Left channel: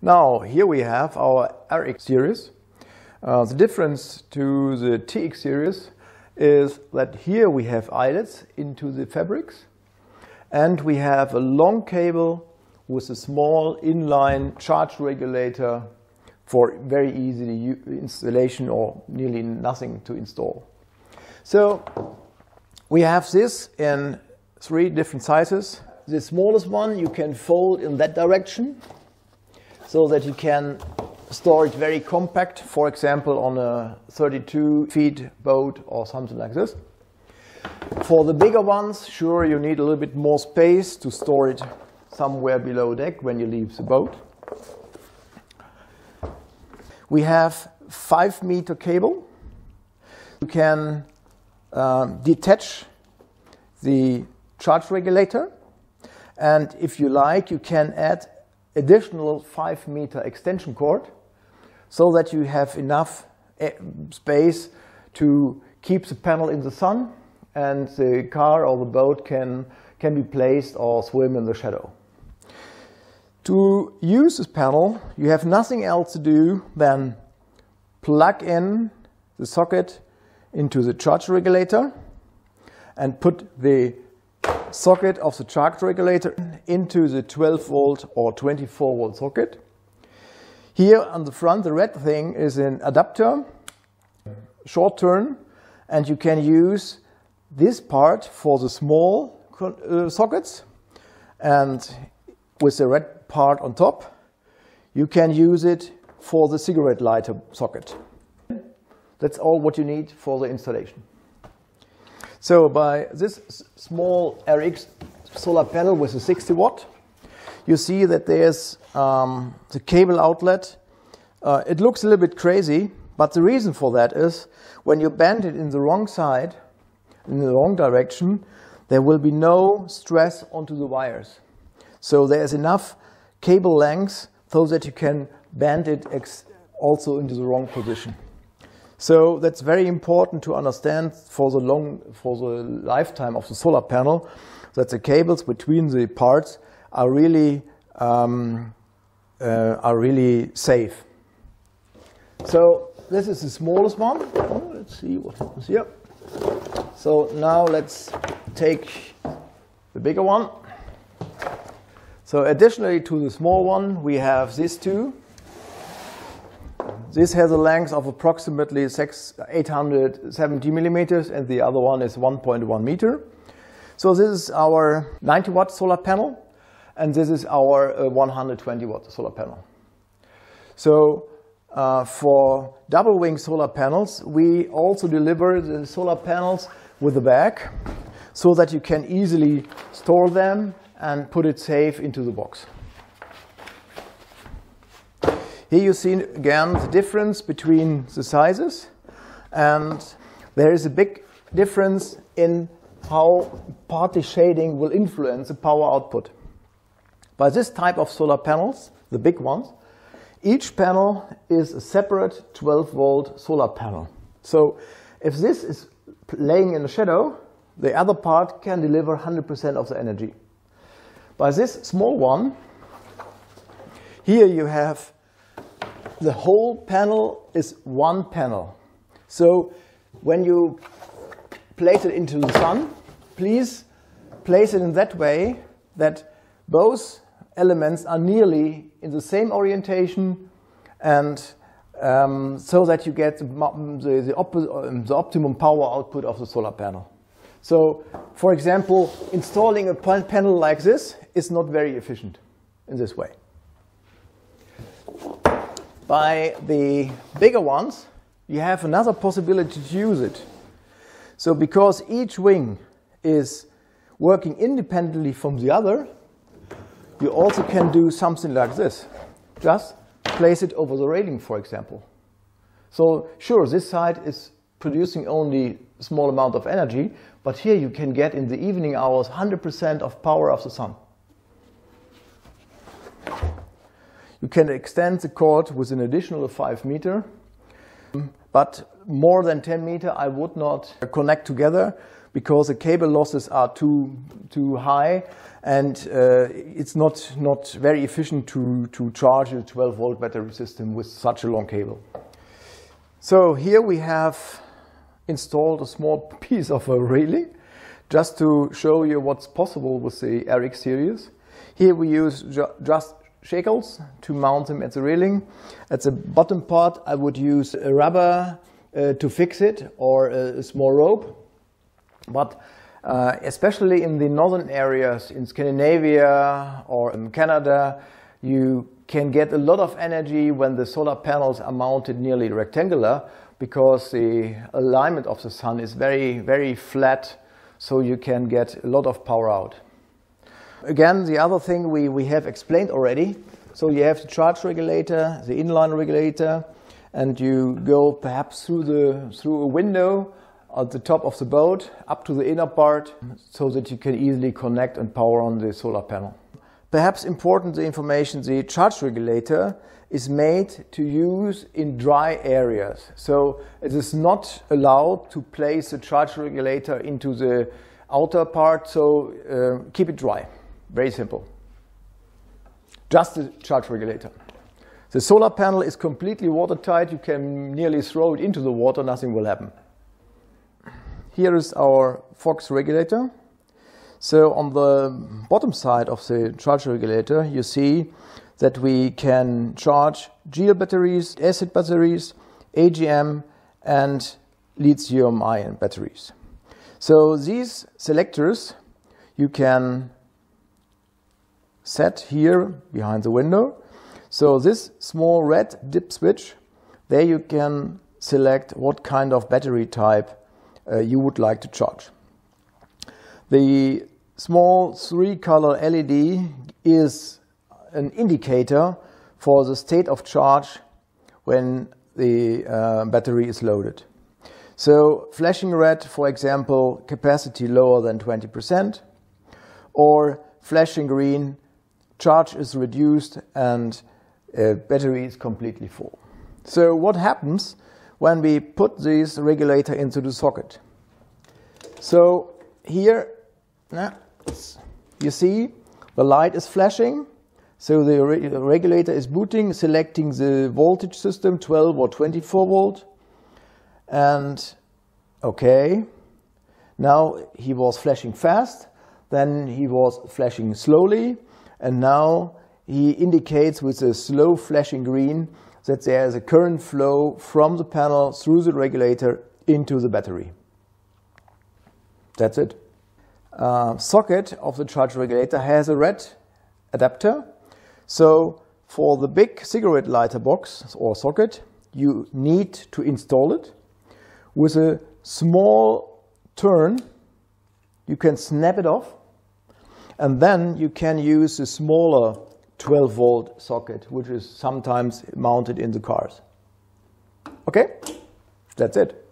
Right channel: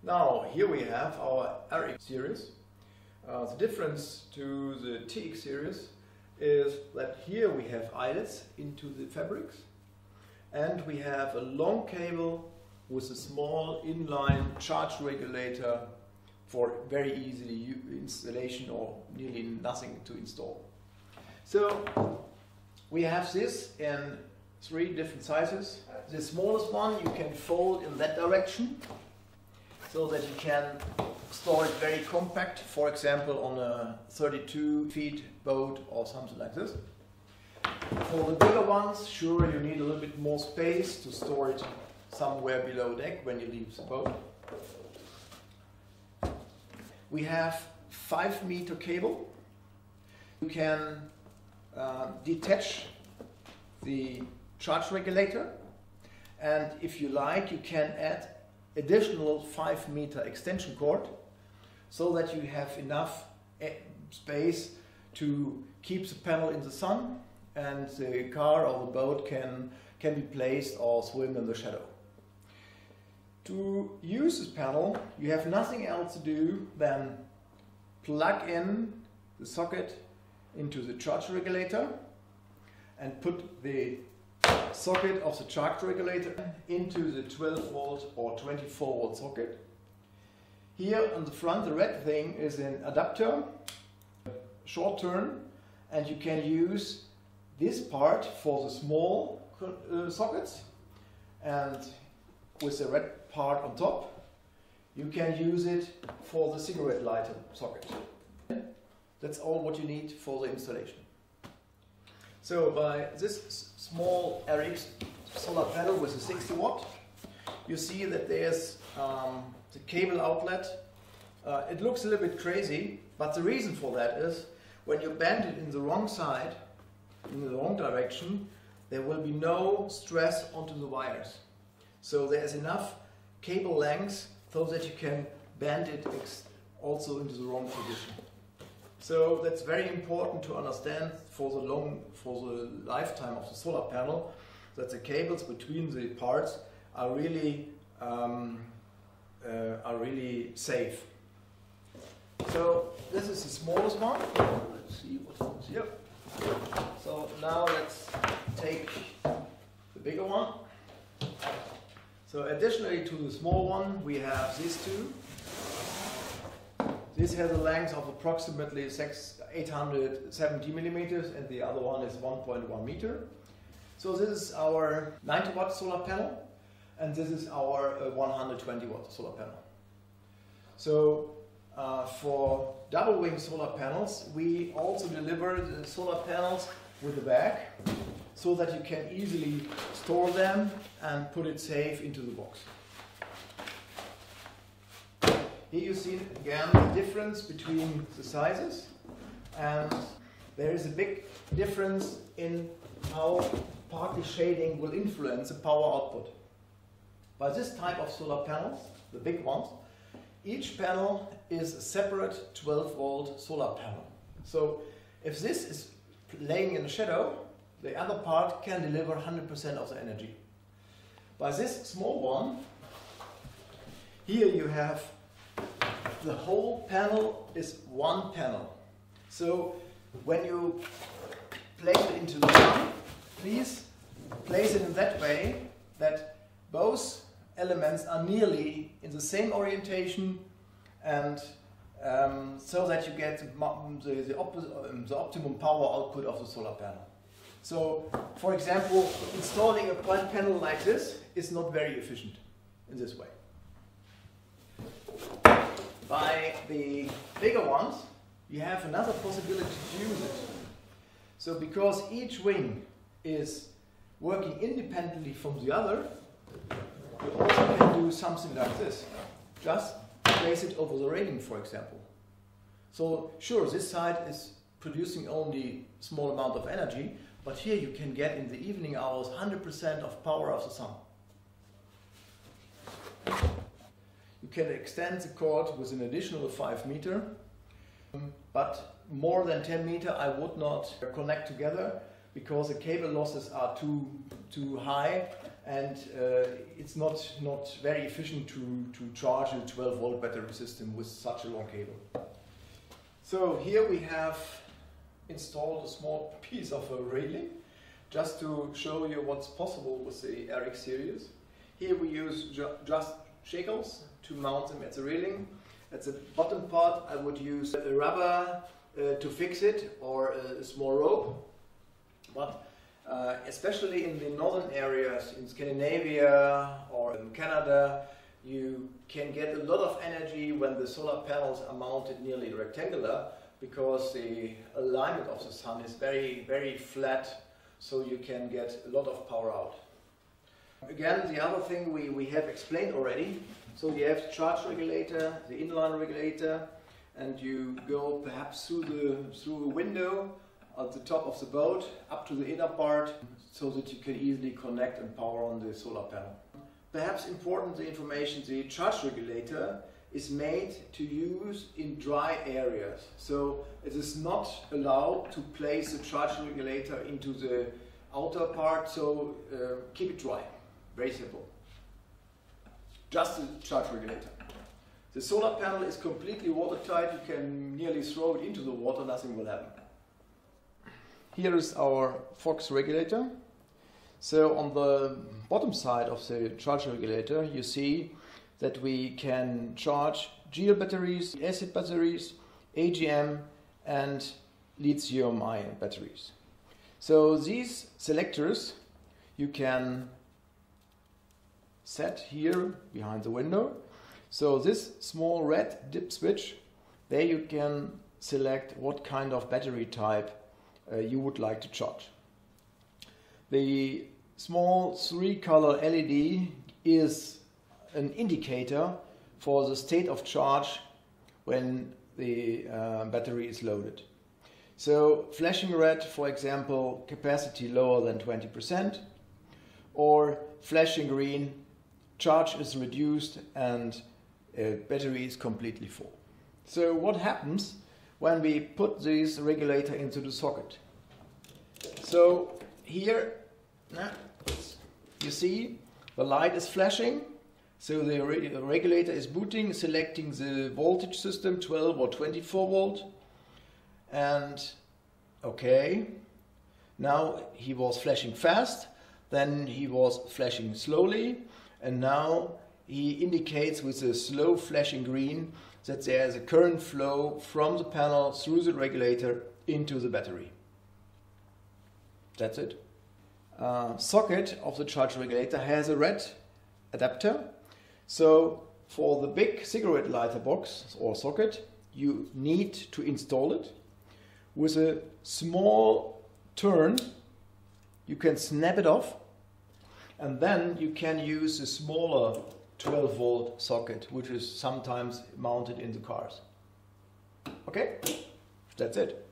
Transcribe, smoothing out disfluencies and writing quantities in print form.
Now here we have our RX series. The difference to the TX series is that here we have eyelets into the fabrics, and we have a long cable with a small inline charge regulator for very easy installation or nearly nothing to install. So we have this in 3 different sizes. The smallest one you can fold in that direction so that you can store it very compact, for example on a 32 feet boat or something like this. For the bigger ones, sure, you need a little bit more space to store it somewhere below deck when you leave the boat. We have 5-meter cable. You can detach the charge regulator, and if you like, you can add additional 5-meter extension cord so that you have enough space to keep the panel in the sun and the car or the boat can be placed or swim in the shadow. To use this panel, you have nothing else to do than plug in the socket into the charge regulator and put the socket of the charge regulator into the 12 volt or 24 volt socket. Here on the front, the red thing is an adapter, short turn, and you can use this part for the small sockets, and with the red part on top, you can use it for the cigarette lighter socket. That's all what you need for the installation. So by this small RX solar panel with a 60 watt, you see that there's the cable outlet. It looks a little bit crazy, but the reason for that is when you bend it in the wrong side, in the wrong direction, there will be no stress onto the wires. So there's enough cable length so that you can bend it also into the wrong position. So that's very important to understand for the lifetime of the solar panel, that the cables between the parts are really safe. So this is the smallest one. Let's see what happens here. So now let's take the bigger one. So additionally to the small one, we have these two. This has a length of approximately 870 millimeters, and the other one is 1.1 meter. So this is our 90 watt solar panel, and this is our 120 watt solar panel. So for double wing solar panels, we also deliver the solar panels with a bag so that you can easily store them and put it safe into the box. Here you see again the difference between the sizes, and there is a big difference in how partly shading will influence the power output. By this type of solar panels, the big ones, each panel is a separate 12 volt solar panel. So if this is laying in the shadow, the other part can deliver 100% of the energy. By this small one, here you have the whole panel is one panel. So when you place it into the sun, please place it in that way that both elements are nearly in the same orientation, and so that you get the optimum power output of the solar panel. So, for example, installing a panel like this is not very efficient in this way. By the bigger ones, you have another possibility to use it. So because each wing is working independently from the other, you also can do something like this. Just place it over the railing, for example. So sure, this side is producing only a small amount of energy, but here you can get in the evening hours 100% of power of the sun. You can extend the cord with an additional 5 meter, but more than 10 meter I would not connect together because the cable losses are too high, and it's not very efficient to charge a 12-volt battery system with such a long cable. So here we have installed a small piece of a railing just to show you what's possible with the RX series. Here we use just shackles to mount them at the railing. At the bottom part I would use a rubber to fix it, or a small rope. But especially in the northern areas, in Scandinavia or in Canada, you can get a lot of energy when the solar panels are mounted nearly rectangular, because the alignment of the sun is very, very flat, so you can get a lot of power out. Again, the other thing we have explained already. So you have the charge regulator, the inline regulator, and you go perhaps through a window at the top of the boat up to the inner part, so that you can easily connect and power on the solar panel. Perhaps important the information, the charge regulator is made to use in dry areas. So it is not allowed to place the charge regulator into the outer part, so keep it dry. Very simple. Just the charge regulator. The solar panel is completely watertight. You can nearly throw it into the water, nothing will happen. Here is our Fox regulator. So on the bottom side of the charge regulator, you see that we can charge gel batteries, acid batteries, AGM and lithium-ion batteries. So these selectors you can set here behind the window. So this small red dip switch, there you can select what kind of battery type you would like to charge. The small 3-color LED is an indicator for the state of charge when the battery is loaded. So flashing red, for example, capacity lower than 20%, or flashing green, charge is reduced and battery is completely full. So what happens when we put this regulator into the socket? So here you see the light is flashing, so the regulator is booting, selecting the voltage system, 12 or 24 volt, and okay, now he was flashing fast, then he was flashing slowly, and now he indicates with a slow flashing green that there is a current flow from the panel through the regulator into the battery. That's it. Socket of the charge regulator has a red adapter. So for the big cigarette lighter box or socket, you need to install it. With a small turn, you can snap it off, and then you can use a smaller 12-volt socket, which is sometimes mounted in the cars. Okay, that's it.